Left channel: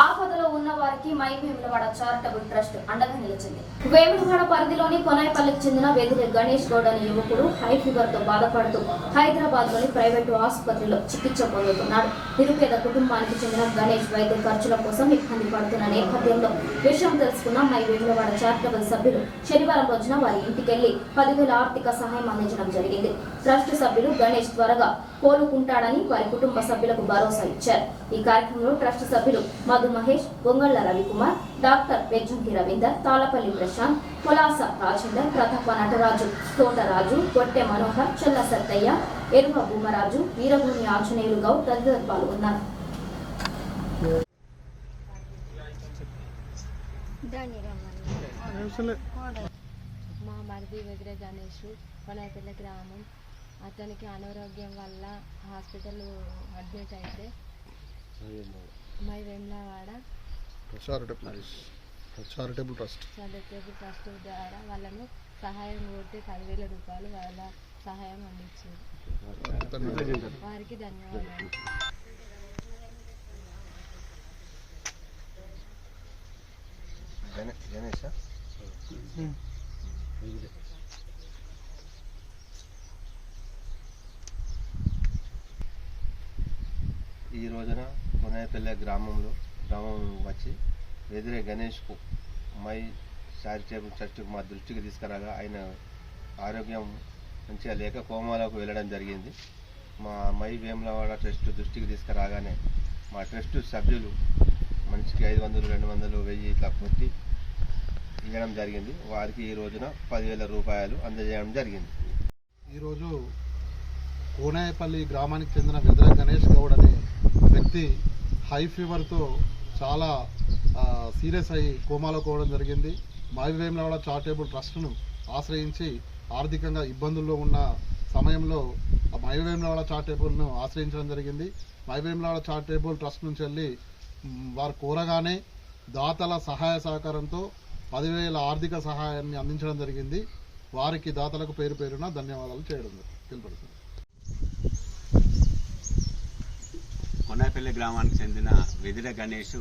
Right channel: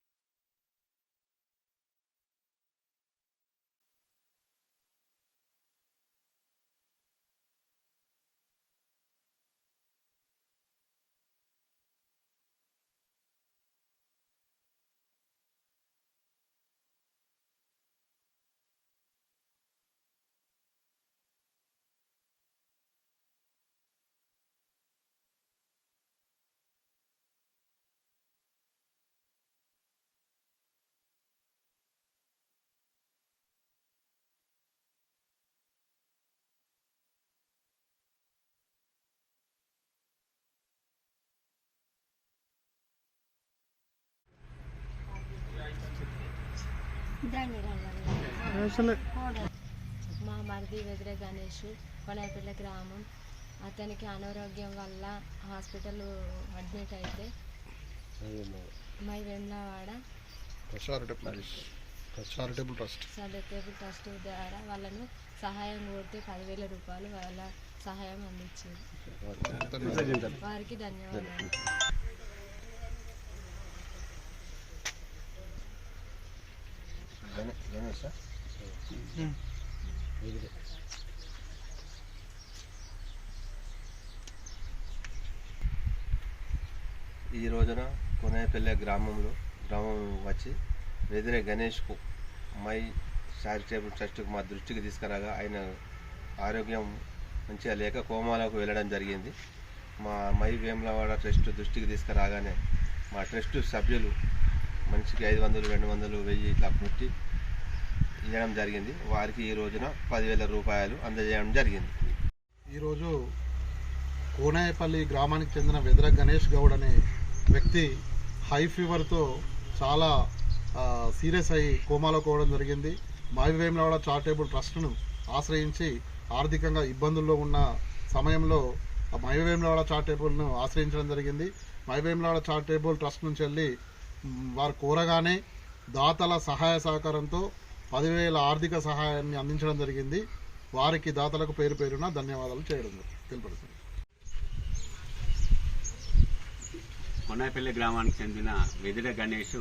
ఆపదలో ఉన్న వారికి మై వేములవాడ చారిటబుల్ ట్రస్ట్ అండగా నిలిచింది. వేములవాడ పరిధిలోని కొనాయిపల్లికి చెందిన వెదిరి గణేష్ గౌడ్ అనే యువకుడు హై ఫీవర్ తో బాధపడుతూ హైదరాబాద్ లోని ప్రైవేటు ఆసుపత్రిలో చికిత్స పొందుతున్నాడు. నిరుపేద కుటుంబానికి చెందిన గణేష్ వైద్య ఖర్చుల కోసం ఇబ్బంది పడుతున్న నేపథ్యంలో విషయం తెలుసుకున్న మై వేములవాడ చారిటబుల్ సభ్యులు శనివారం రోజున వారి ఇంటికెళ్లి 10,000 ఆర్థిక సహాయం అందించడం జరిగింది. ట్రస్ట్ సభ్యులు గణేష్ త్వరగా కోలుకుంటాడని వారి కుటుంబ సభ్యులకు భరోసా ఇచ్చారు. ఈ కార్యక్రమంలో ట్రస్ట్ సభ్యులు మధు మహేష్, గొంగళ్ల రవికుమార్, డాక్టర్ వెజ్జంకి రవీందర్, తాళపల్లి ప్రశాంత్, పొలాస రాజేందర్, ప్రతాప నటరాజు, తోటరాజు, గొట్టె మనోహర్, చెల్ల సత్తయ్య, ఎరువ భూమరాజు, వీరభూమి ఆంజనేయులు గౌడ్ తదితరులు పాల్గొన్నారు. మా మరిది వెదిరే గణేష్ కొనాయిపల్లి గ్రామం. అతనికి అనారోగ్యం వల్ల హాస్పిటల్ అడ్మిట్ అయితే మై వేములవాడ చారిటబుల్ ట్రస్ట్ ద్వారా వాళ్ళను సహాయం కోరితే 10,000 రూపాయలు వాళ్ళ సహాయం అందించారు. వారికి ధన్యవాదాలు. ఈ రోజున కొనాయిపల్లి గ్రామం వచ్చి వెదిరే గణేష్కు మై చారిటబుల్ ట్రస్ట్కు మా దృష్టికి తీసుకురాగా ఆయన ఆరోగ్యం మంచిగా లేక కోమాలోకి వెళ్ళడం జరిగింది. మా మై వేములవాడ ట్రస్ట్ దృష్టికి తీసుకురాగానే మా ట్రస్ట్ సభ్యులు మనిషికి 500, 200, 1000 ఇట్లా కొట్టి ఇవ్వడం జరిగింది. వారికి ఈ రోజున 10,000 రూపాయలు అందజేయడం జరిగింది. ఈరోజు కోనాయిపల్లి గ్రామానికి చెందిన వెదిరే గణేష్ గౌడ్ అనే వ్యక్తి హై ఫీవర్తో చాలా సీరియస్ అయ్యి కోమాలో పోవడం జరిగింది. మై వేములవాడ చారిటబుల్ ట్రస్ట్ను ఆశ్రయించి ఆర్థికంగా ఇబ్బందుల్లో ఉన్న సమయంలో మై వేములవాడ చారిటబుల్ను ఆశ్రయించడం జరిగింది. మై వేములవాడ చారిటబుల్ ట్రస్ట్ నుంచి వెళ్ళి వారు కోరగానే దాతల సహాయ సహకారంతో 10,000 ఆర్థిక సహాయాన్ని అందించడం జరిగింది. వారికి దాతలకు పేరు పేరున ధన్యవాదాలు చేయడం తెలుపడుతుంది. కొనాయిపల్లి గ్రామానికి చెందిన వెదిరే గణేష్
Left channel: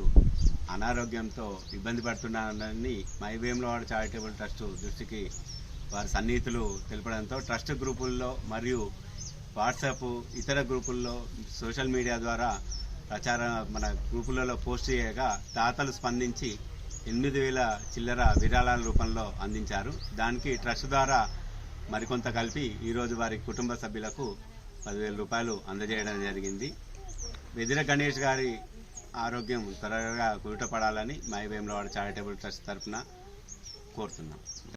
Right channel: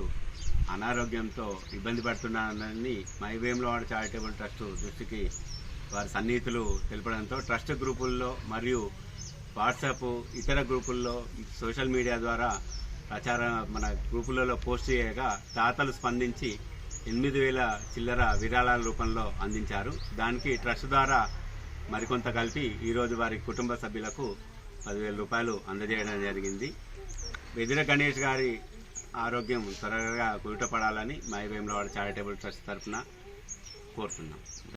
అనారోగ్యంతో ఇబ్బంది పడుతున్నారని మై వేములవాడ చారిటబుల్ ట్రస్ట్ దృష్టికి వారి సన్నిహితులు తెలపడంతో ట్రస్ట్ గ్రూపుల్లో మరియు వాట్సాప్ ఇతర గ్రూపుల్లో సోషల్ మీడియా ద్వారా మన గ్రూపులలో పోస్ట్ చేయగా దాతలు స్పందించి 8,000 చిల్లర విరాళాల రూపంలో అందించారు. దానికి ట్రస్ట్ ద్వారా మరికొంత కలిపి ఈరోజు వారి కుటుంబ సభ్యులకు 10,000 రూపాయలు అందజేయడం జరిగింది. వెదిరే గణేష్ గారి ఆరోగ్యం త్వరగా కుదుటపడాలని మై వేములవాడ చారిటబుల్ ట్రస్ట్ తరఫున కోరుతున్నాం.